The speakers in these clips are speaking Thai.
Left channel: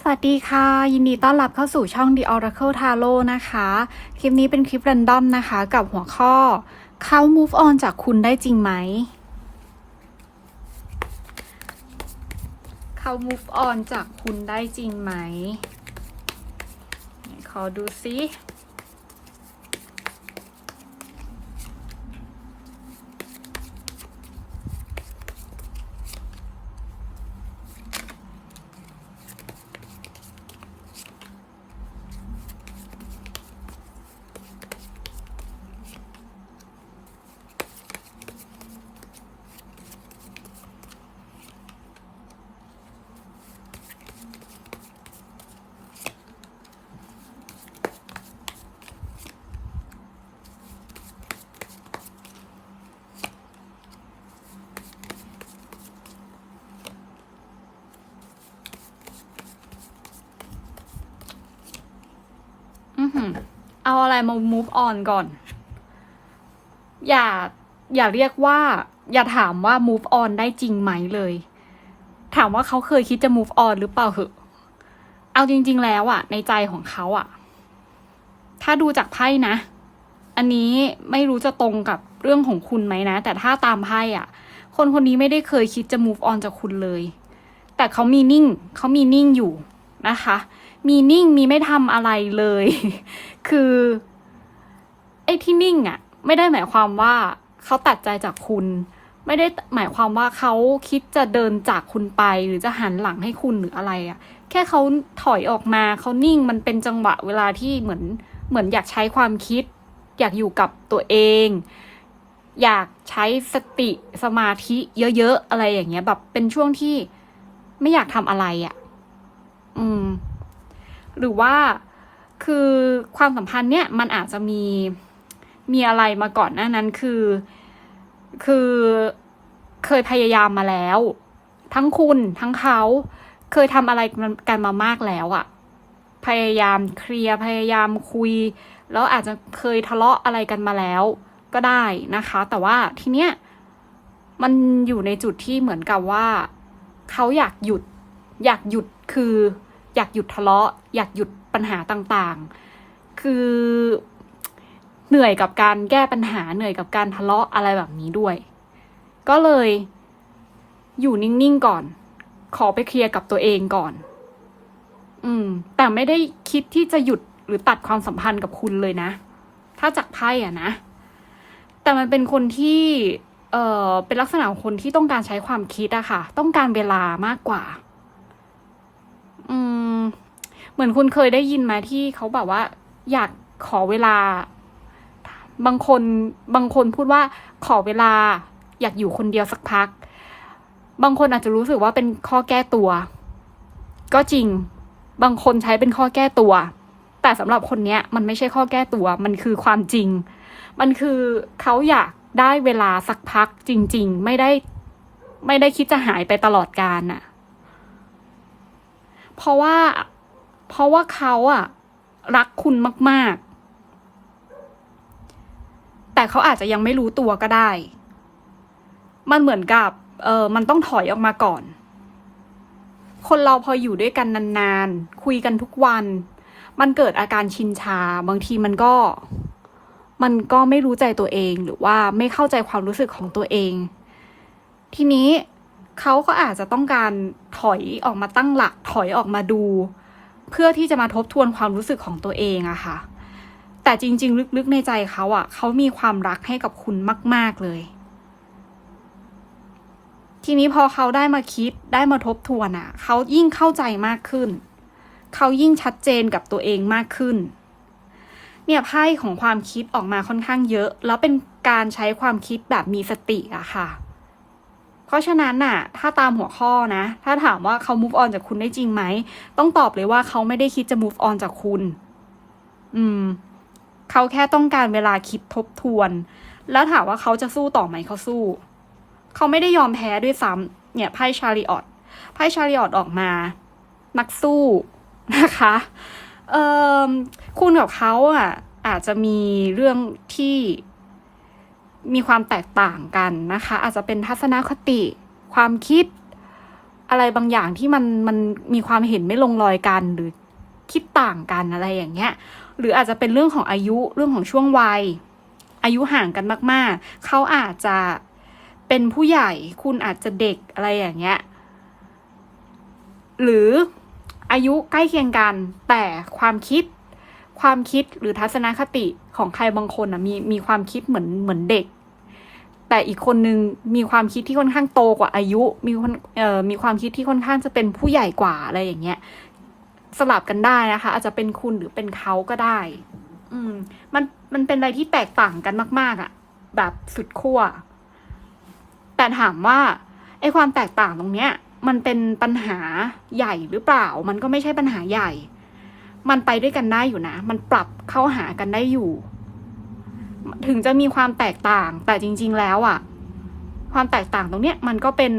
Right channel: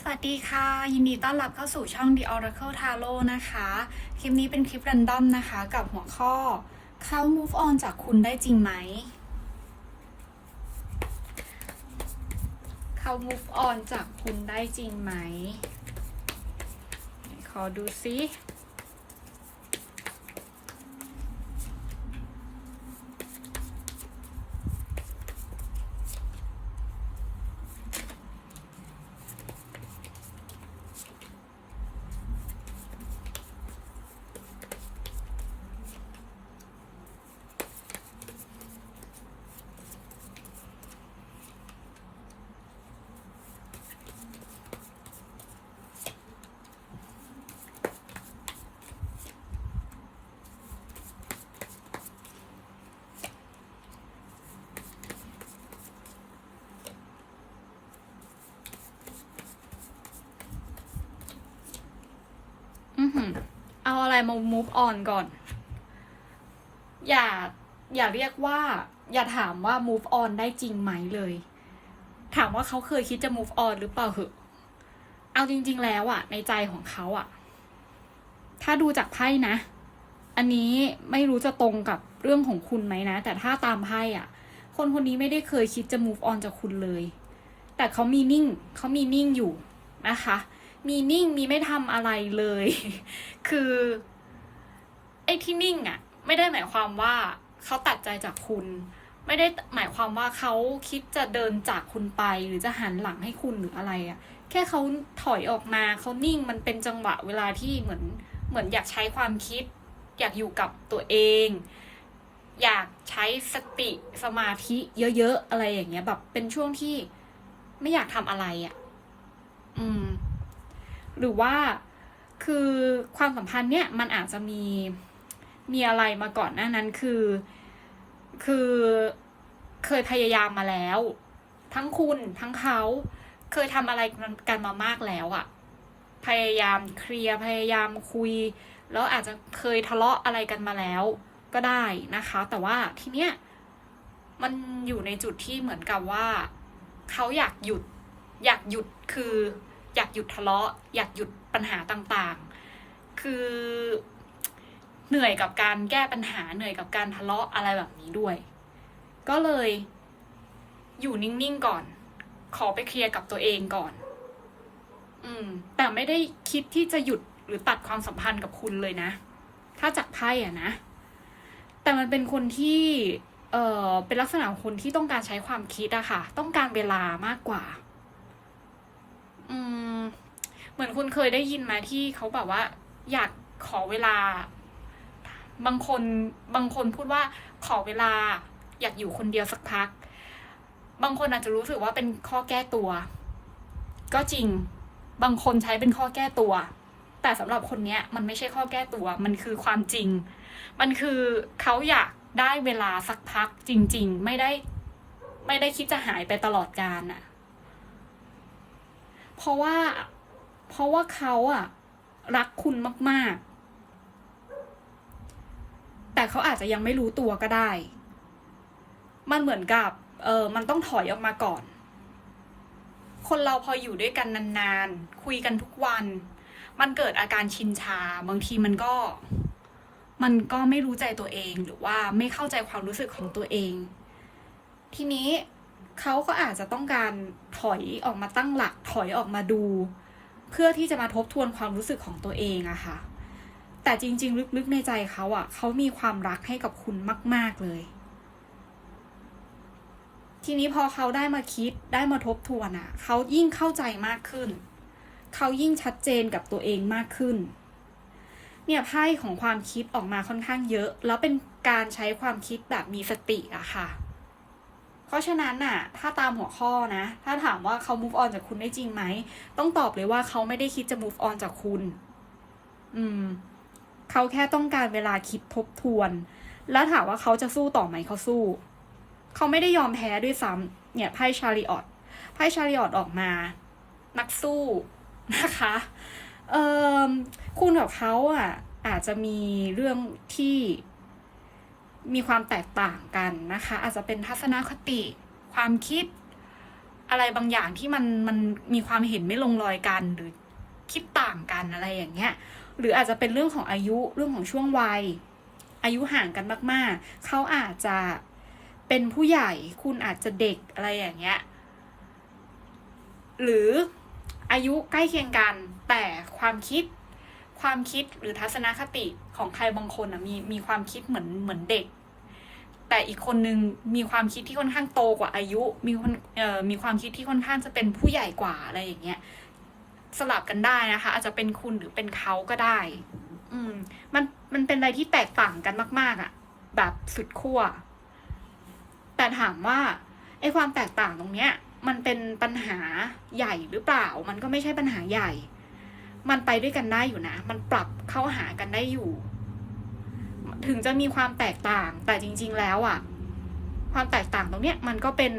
สวัสดีค่ะ ยินดีต้อนรับเข้าสู่ช่อง The Oracle Tarot นะคะ คลิปนี้เป็นคลิป r รนดอมนะคะ กับหัวข้อ เขา move on จากคุณได้จริงไหม เขา move on จากคุณได้จริงไหม ขอดูซิ อือหือ เอาอะไรมา move on ก่อน อย่าอย่าเรียกว่า อย่าถามว่า move on ได้จริงไหมเลย ถามว่าเขาเคยคิดจะ move on หรือเปล่าเหอะ เอาจริง ๆ แล้วอะในใจของเขาอะถ้าดูจากไพ่นะ อันนี้ไม่รู้จะตรงกับเรื่องของคุณไหมนะ แต่ถ้าตามไพ่อะคนคนนี้ไม่ได้เคยคิดจะ move on จากคุณเลย แต่เขามีนิ่งเขามีนิ่งอยู่นะคะ มีนิ่งมีไม่ทำอะไรเลย คือไอ้ที่นิ่งอะ่ะ ไม่ได้หมายความว่าเขาตัดใจจากคุณ ไม่ได้หมายความว่าเขาคิดจะเดินจากคุณไป หรือจะหันหลังให้คุณหรืออะไรอะ่ะ แค่เขาถอยออกมาเขานิ่งมันเป็นจังหวะเวลาที่เหมือนเหมือนอยากใช้ความคิด อยากอยู่กับตัวเอง อยากใช้สติสมาธิเยอะๆอะไรอย่างเงี้ย แบบเป็นช่วงที่ไม่อยากทำอะไรอะ่ะ อืม หรือว่า คือความสัมพันธ์เนี่ยมันอาจจะมีมีอะไรมาก่อนหน้านั้นคือ คือเคยพยายามมาแล้ว ทั้งคุณทั้งเขาเคยทำอะไรกันมามากแล้วอะพยายามเคลียร์พยายามคุย แล้วอาจจะเคยทะเลาะอะไรกันมาแล้ว ก็ได้นะคะ แต่ว่าทีเนี้ยมันอยู่ในจุดที่เหมือนกับว่า เขาอยากหยุด อยากหยุดคือ อยากหยุดทะเลาะ อยากหยุดปัญหาต่างๆ คือเหนื่อยกับการแก้ปัญหาเหนื่อยกับการทะเลาะอะไรแบบนี้ด้วย ก็เลยอยู่นิ่งๆก่อน ขอไปเคลียร์กับตัวเองก่อน อืม แต่ไม่ได้คิดที่จะหยุดหรือตัดความสัมพันธ์กับคุณเลยนะ ถ้าจากไพ่อะนะ แต่มันเป็นคนที่ เออเป็นลักษณะของคนที่ต้องการใช้ความคิดอะค่ะ ต้องการเวลามากกว่า อืม เหมือนคุณเคยได้ยินไหมที่เขาแบบว่า อยากขอเวลา บางคนบางคนพูดว่าขอเวลา อยากอยู่คนเดียวสักพัก บางคนอาจจะรู้สึกว่าเป็นข้อแก้ตัว ก็จริง บางคนใช้เป็นข้อแก้ตัว แต่สำหรับคนเนี้ย มันไม่ใช่ข้อแก้ตัว มันคือความจริง มันคือเขาอยากได้เวลาสักพักจริง ๆ ไม่ได้ ไม่ได้คิดจะหายไปตลอดกาลน่ะ เพราะว่า เพราะว่าเขาอะรักคุณมาก ๆ แต่เขาอาจจะยังไม่รู้ตัวก็ได้ มันเหมือนกับ เออมันต้องถอยออกมาก่อน คนเราพออยู่ด้วยกันนานๆ คุยกันทุกวัน มันเกิดอาการชินชา บางทีมันก็ มันก็ไม่รู้ใจตัวเองหรือว่าไม่เข้าใจความรู้สึกของตัวเอง ทีนี้ เขาก็อาจจะต้องการถอยออกมาตั้งหลักถอยออกมาดู เพื่อที่จะมาทบทวนความรู้สึกของตัวเองอะค่ะ แต่จริง ๆ ลึกๆในใจเขาอะเขามีความรักให้กับคุณมาก ๆเลย ทีนี้พอเขาได้มาคิดได้มาทบทวนอะเขายิ่งเข้าใจมากขึ้น เขายิ่งชัดเจนกับตัวเองมากขึ้น เนี่ยไพ่ของความคิดออกมาค่อนข้างเยอะ แล้วเป็นการใช้ความคิดแบบมีสติอะค่ะ ราะฉะนั้นน่ะ ถ้าตามหัวข้อนะ ถ้าถามว่าเขา move on จากคุณได้จริงไหม ต้องตอบเลยว่าเขาไม่ได้คิดจะ move on จากคุณ อืม เขาแค่ต้องการเวลาคิดทบทวน แล้วถามว่าเขาจะสู้ต่อไหมเขาสู้ เขาไม่ได้ยอมแพ้ด้วยซ้ำเนี่ยไพ่ชาริออตไพ่ชาริออตออกมา นักสู้นะคะ เอ่อคุณกับเขาอะอาจจะมีเรื่องที่ มีความแตกต่างกันนะคะ อาจจะเป็นทัศนคติความคิดอะไรบางอย่างที่มันมันมีความเห็นไม่ลงรอยกันหรือคิดต่างกันอะไรอย่างเงี้ย หรืออาจจะเป็นเรื่องของอายุเรื่องของช่วงวัย อายุห่างกันมาก ๆ เขาอาจจะเป็นผู้ใหญ่คุณอาจจะเด็กอะไรอย่างเงี้ย หรืออายุใกล้เคียงกันแต่ความคิด ความคิดหรือทัศนคติของใครบางคนอะมีมีความคิดเหมือนเหมือนเด็ก แต่อีกคนนึงมีความคิดที่ค่อนข้างโตกว่าอายุ มีคนเอ่อมีความคิดที่ค่อนข้างจะเป็นผู้ใหญ่กว่าอะไรอย่างเงี้ยสลับกันได้นะคะ อาจจะเป็นคุณหรือเป็นเขาก็ได้ อืม มันมันเป็นอะไรที่แตกต่างกันมาก ๆอะ่ะ แบบสุดขั้วแต่ถามว่าไอ้ความแตกต่างตรงเนี้ย มันเป็นปัญหาใหญ่หรือเปล่า มันก็ไม่ใช่ปัญหาใหญ่ มันไปด้วยกันได้อยู่นะ มันปรับเข้าหากันได้อยู่ ถึงจะมีความแตกต่าง แต่จริง ๆ แล้วอะ่ะ ความแตกต่างตรงเนี้ย มันก็เป็น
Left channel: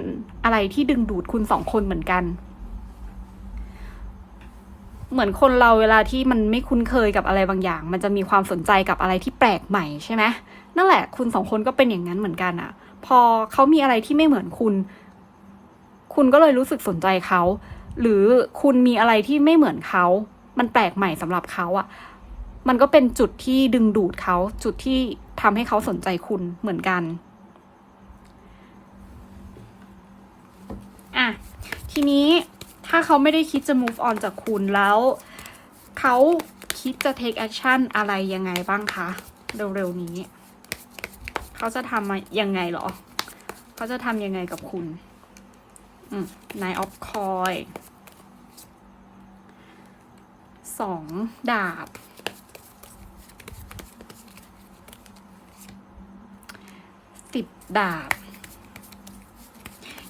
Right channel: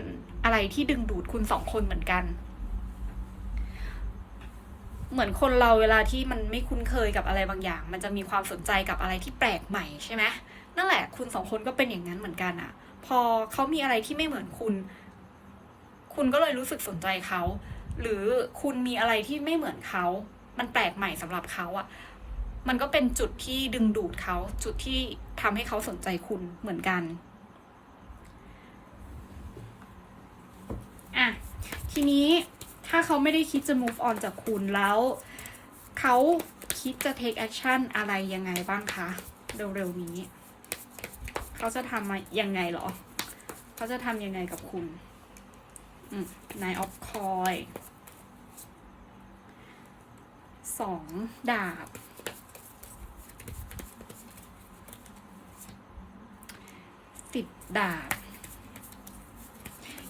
อะไรที่ดึงดูดคุณสองคนเหมือนกัน เหมือนคนเราเวลาที่มันไม่คุ้นเคยกับอะไรบางอย่าง มันจะมีความสนใจกับอะไรที่แปลกใหม่ใช่ไหมนั่นแหละ คุณสองคนก็เป็นอย่างนั้นเหมือนกันอะพอเขามีอะไรที่ไม่เหมือนคุณ คุณก็เลยรู้สึกสนใจเขา หรือคุณมีอะไรที่ไม่เหมือนเขา มันแปลกใหม่สำหรับเขาอะมันก็เป็นจุดที่ดึงดูดเขา จุดที่ทำให้เขาสนใจคุณเหมือนกัน อะ ทีนี้ถ้าเขาไม่ได้คิดจะ move on จากคุณแล้ว เขาคิดจะ take action อะไรยังไงบ้างคะ เร็วๆนี้ เขาจะทำยังไงหรอ เขาจะทำยังไงกับคุณ อืม nine of coin สองดาบ สิบดาบ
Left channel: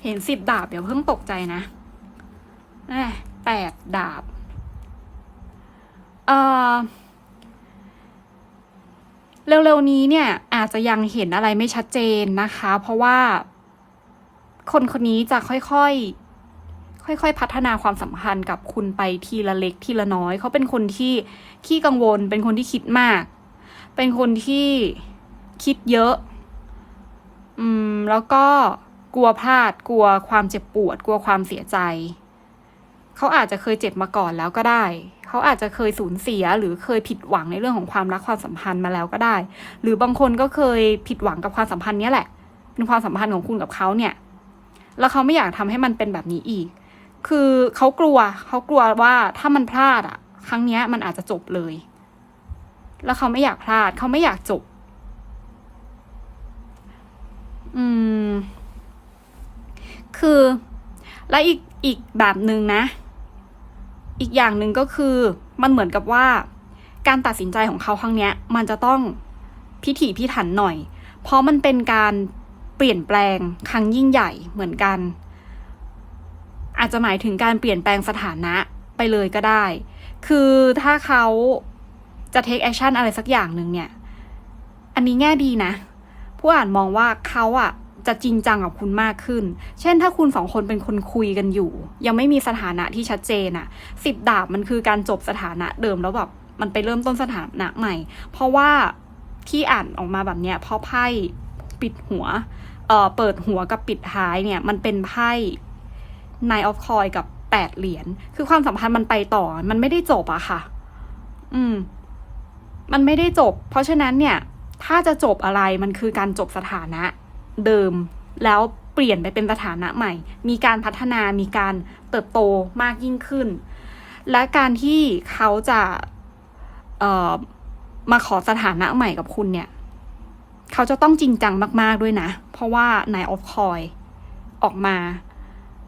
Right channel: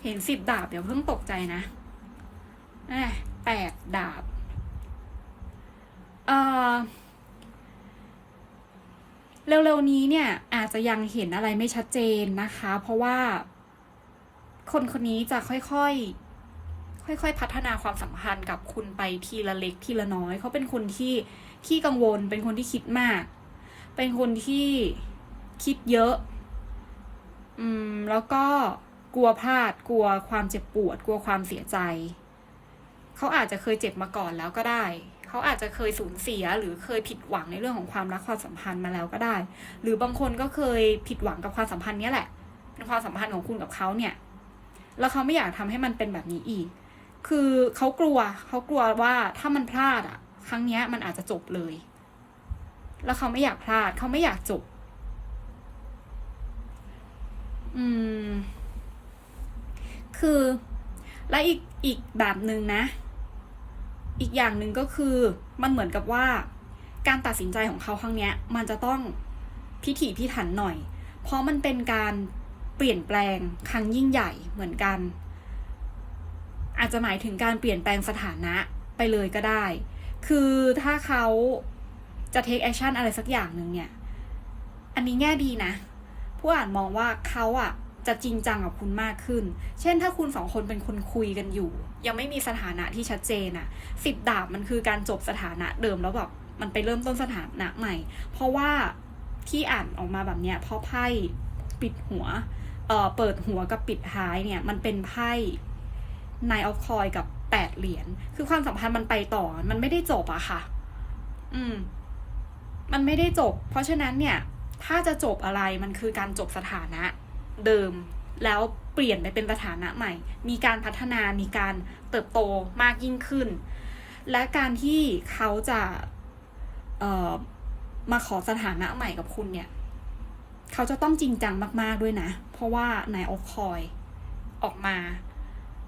เห็นสิบดาบอย่าเพิ่งตกใจนะอะแปดดาบ เอ่อเร็วๆนี้เนี่ยอาจจะยังเห็นอะไรไม่ชัดเจนนะคะ เพราะว่าคนคนนี้จะค่อยๆ ค่อยๆ พัฒนาความสัมพันธ์กับคุณไปทีละเล็กทีละน้อย เขาเป็นคนที่ขี้กังวล เป็นคนที่คิดมาก เป็นคนที่คิดเยอะ อืม แล้วก็กลัวพลาด กลัวความเจ็บปวด กลัวความเสียใจ เขาอาจจะเคยเจ็บมาก่อนแล้วก็ได้ เขาอาจจะเคยสูญเสีย หรือเคยผิดหวังในเรื่องของความรักความสัมพันธ์มาแล้วก็ได้ หรือบางคนก็เคยผิดหวังกับความสัมพันธ์นี้แหละ เป็นความสัมพันธ์ของคุณกับเขาเนี่ย แล้วเขาไม่อยากทำให้มันเป็นแบบนี้อีก คือเขากลัวเขากลัวว่าถ้ามันพลาดอะครั้งเนี้ยมันอาจจะจบเลย แล้วเขาไม่อยากพลาดเขาไม่อยากจบ อืม คือ และอีกอีกแบบหนึ่งนะ อีกอย่างหนึ่งก็คือมันเหมือนกับว่า การตัดสินใจของเขาครั้งเนี้ย มันจะต้องพิถีพิถันหน่อย เพราะมันเป็นการเปลี่ยนแปลงครั้งยิ่งใหญ่เหมือนกัน อาจจะหมายถึงการเปลี่ยนแปลงสถานะไปเลยก็ได้ คือถ้าเขาจะ take action อะไรสักอย่างหนึ่งเนี่ย อันนี้แง่ดีนะ ผู้อ่านมองว่าเขาอะจะจริงจังกับคุณมากขึ้น เช่นถ้าคุณสองคนเป็นคนคุยกันอยู่ ยังไม่มีสถานะที่ชัดเจนอะสิบดาบมันคือการจบสถานะเดิมแล้วแบบมันไปเริ่มต้นสถานะใหม่ เพราะว่าที่อ่านออกมาแบบเนี้ยเพราะไพ่ปิดหัว เอ่อเปิดหัวกับปิดท้ายเนี่ยมันเป็นไพ่ Nine of Coin กับแปดเหรียญ คือความสัมพันธ์มันไปต่อ มันไม่ได้จบอะค่ะ อืม มันไม่ได้จบ เพราะฉะนั้นเนี่ย ถ้าจะจบอะไร มันคือการจบสถานะ เดิม แล้วเปลี่ยนไปเป็นสถานะใหม่ มีการพัฒนา มีการเติบโตมากยิ่งขึ้น และการที่เขาจะมาขอสถานะใหม่กับคุณเนี่ย เขาจะต้องจริงจังมาก ๆ ด้วยนะ เพราะว่านายออฟคอยออกมา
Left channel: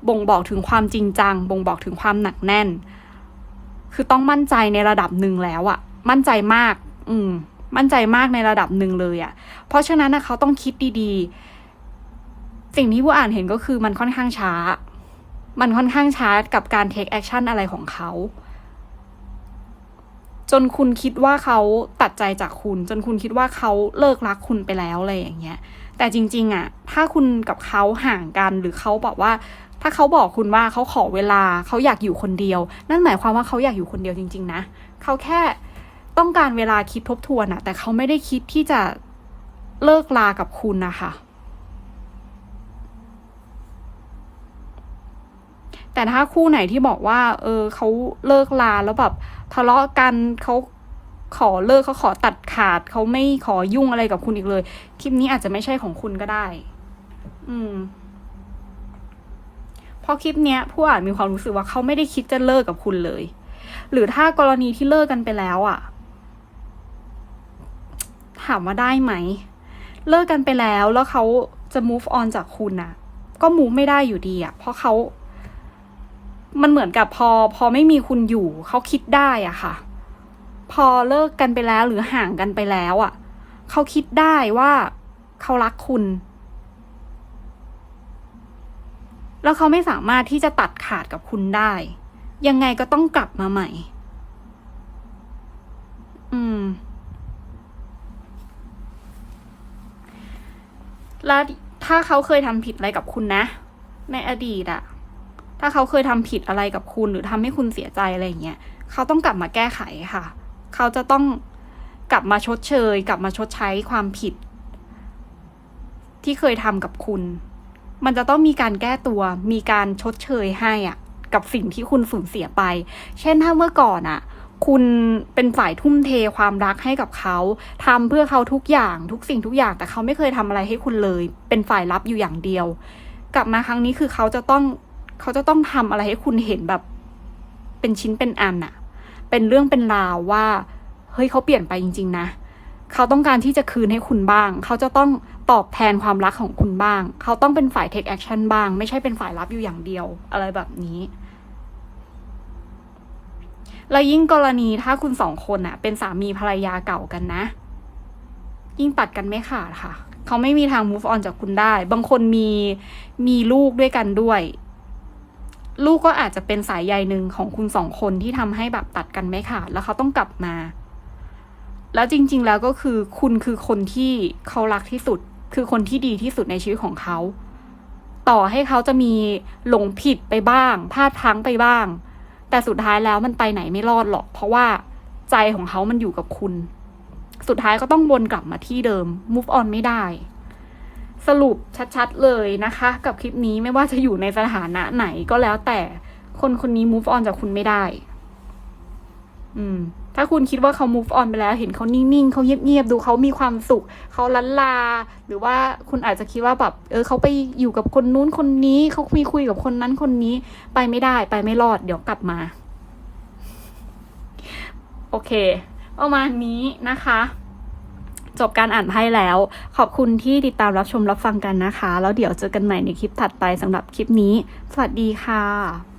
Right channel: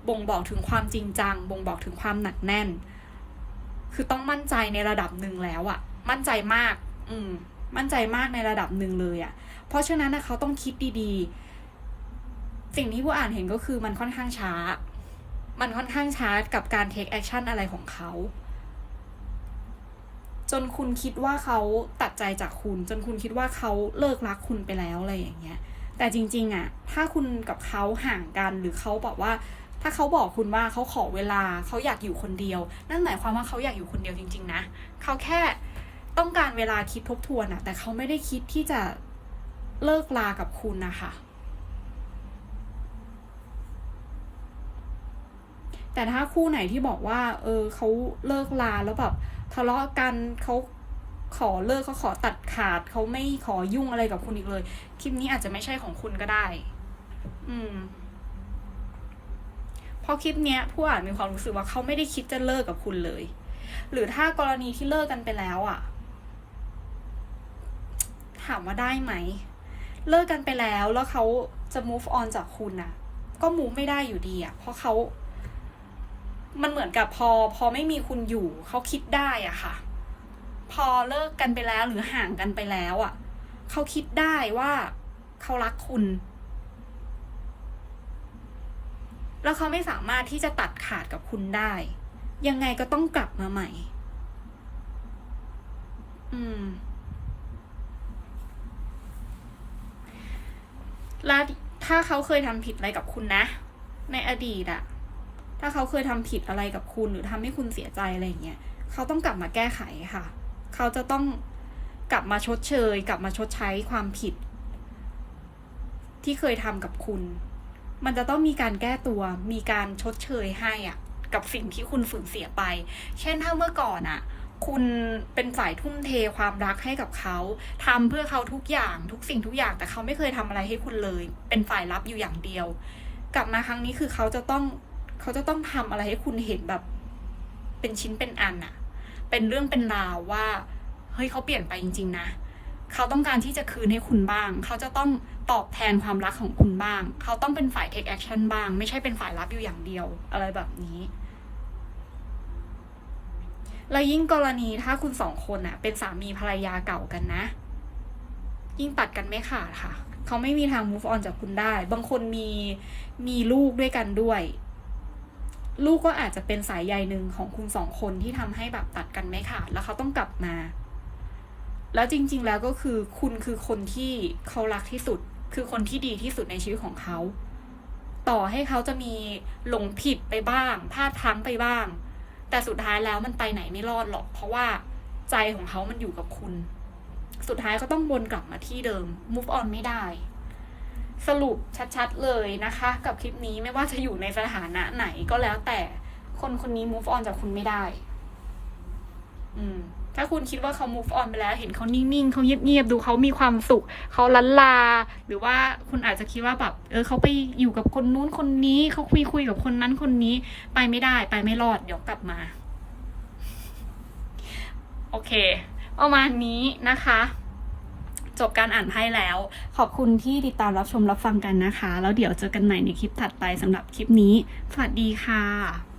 บ่งบอกถึงความจริงจัง บ่งบอกถึงความหนักแน่น คือต้องมั่นใจในระดับหนึ่งแล้วอะมั่นใจมาก อืม มั่นใจมากในระดับหนึ่งเลยอะเพราะฉะนั้นนะเขาต้องคิดดีๆ สิ่งที่ผู้อ่านเห็นก็คือมันค่อนข้างช้า มันค่อนข้างช้ากับการ take action อะไรของเขา จนคุณคิดว่าเขาตัดใจจากคุณ จนคุณคิดว่าเขาเลิกรักคุณไปแล้วอะไรอย่างเงี้ยแต่จริง ๆอะถ้าคุณกับเขาห่างกันหรือเขาบอกว่า ถ้าเขาบอกคุณว่าเขาขอเวลาเขาอยากอยู่คนเดียว นั่นหมายความว่าเขาอยากอยู่คนเดียวจริง ๆ นะเขาแค่ต้องการเวลาคิดทบทวนอะแต่เขาไม่ได้คิดที่จะเลิกลากับคุณนะคะแต่ถ้าคู่ไหนที่บอกว่า เออเขาเลิกลาแล้วแบบทะเลาะกันเขาขอเลิกเขาขอตัดขาดเขาไม่ขอยุ่งอะไรกับคุณอีกเลย คลิปนี้อาจจะไม่ใช่ของคุณก็ได้ อืม พราะคลิปเนี้ยผู้อ่านมีความรู้สึกว่าเขาไม่ได้คิดจะเลิกกับคุณเลย หรือถ้ากรณีที่เลิกกันไปแล้วอะ่ะ ถามว่าได้ไหม เลิกกันไปแล้วแล้วเขาจะ move on จากคุณน่ะก็ move ไม่ได้อยู่ดีอะ่ะ เพราะเขา มันเหมือนกับพอ พอไม่มีคุณอยู่เขาคิดได้อะค่ะ พอเลิกกันไปแล้วหรือห่างกันไปแล้วอะเขาคิดได้ว่าเขารักคุณ แล้วเขาไม่สามารถที่จะตัดขาดกับคุณได้ ยังไงก็ต้องกลับมาใหม่ อืม แล้วถ้าเขาเคยทำผิดอะไรกับคุณนะ ในอดีตอะถ้าเขาเคยทำผิดอะไรกับคุณ หรือทำให้คุณเสียใจอะไรอย่างเงี้ยเขาต้องกลับมาแก้ไขค่ะ เขาจะต้องกลับมาชดเชย กลับมาชดใช้ความผิด ที่เคยทำกับคุณ มันจะต้องมีการแก้ตัว มีการชดเชยให้อะกับสิ่งที่คุณสูญเสียไป เช่นถ้าเมื่อก่อนอะคุณเป็นฝ่ายทุ่มเทความรักให้กับเขาทำเพื่อเขาทุกอย่างทุกสิ่งทุกอย่าง แต่เขาไม่เคยทำอะไรให้คุณเลย เป็นฝ่ายรับอยู่อย่างเดียว กลับมาครั้งนี้คือเขาจะต้องเขาจะต้องทำอะไรให้คุณเห็นแบบ เป็นชิ้นเป็นอันอะเป็นเรื่องเป็นราวว่า เฮ้ยเขาเปลี่ยนไปจริง ๆ นะ เขาต้องการที่จะคืนให้คุณบ้าง เขาจะต้อง ตอบแทนความรักของคุณบ้าง เขาต้องเป็นฝ่าย take action บ้าง ไม่ใช่เป็นฝ่ายรับอยู่อย่างเดียว อะไรแบบนี้ แล้วยิ่งกรณีถ้าคุณสองคนอะเป็นสามีภรรยาเก่ากันนะ ยิ่งตัดกันไม่ขาดค่ะ เขาไม่มีทาง move on จากคุณได้ บางคนมีมีลูกด้วยกันด้วย ลูกก็อาจจะเป็นสายใยหนึ่งของคุณสองคนที่ทำให้แบบตัดกันไม่ขาด แล้วเขาต้องกลับมาแล้วจริง ๆ แล้วก็คือคุณคือคนที่เขารักที่สุด คือคนที่ดีที่สุดในชีวิตของเขา ต่อให้เขาจะมีหลงผิดไปบ้างพลาดพลั้งไปบ้าง แต่สุดท้ายแล้วมันไปไหนไม่รอดหรอก เพราะว่าใจของเขามันอยู่กับคุณ สุดท้ายก็ต้องวนกลับมาที่เดิม move on ไม่ได้ สรุปชัดๆเลยนะคะ กับคลิปนี้ไม่ว่าจะอยู่ในสถานะไหนก็แล้วแต่คนคนนี้ move on จากคุณไม่ได้ อืม ถ้าคุณคิดว่าเขา move on ไปแล้ว เห็นเขานิ่งๆเขาเงียบๆดูเขามีความสุข เขาลันลา หรือว่าคุณอาจจะคิดว่าแบบเออเขาไปอยู่กับคนนู้นคนนี้เขาคุยคุยกับคนนั้นคนนี้ไปไม่ได้ไปไม่รอดเดี๋ยวกลับมา โอเค ประมาณนี้นะคะจบการอ่านไพ่แล้ว ขอบคุณที่ติดตามรับชมรับฟังกันนะคะ แล้วเดี๋ยวเจอกันใหม่ในคลิปถัดไปสำหรับคลิปนี้ สวัสดีค่ะ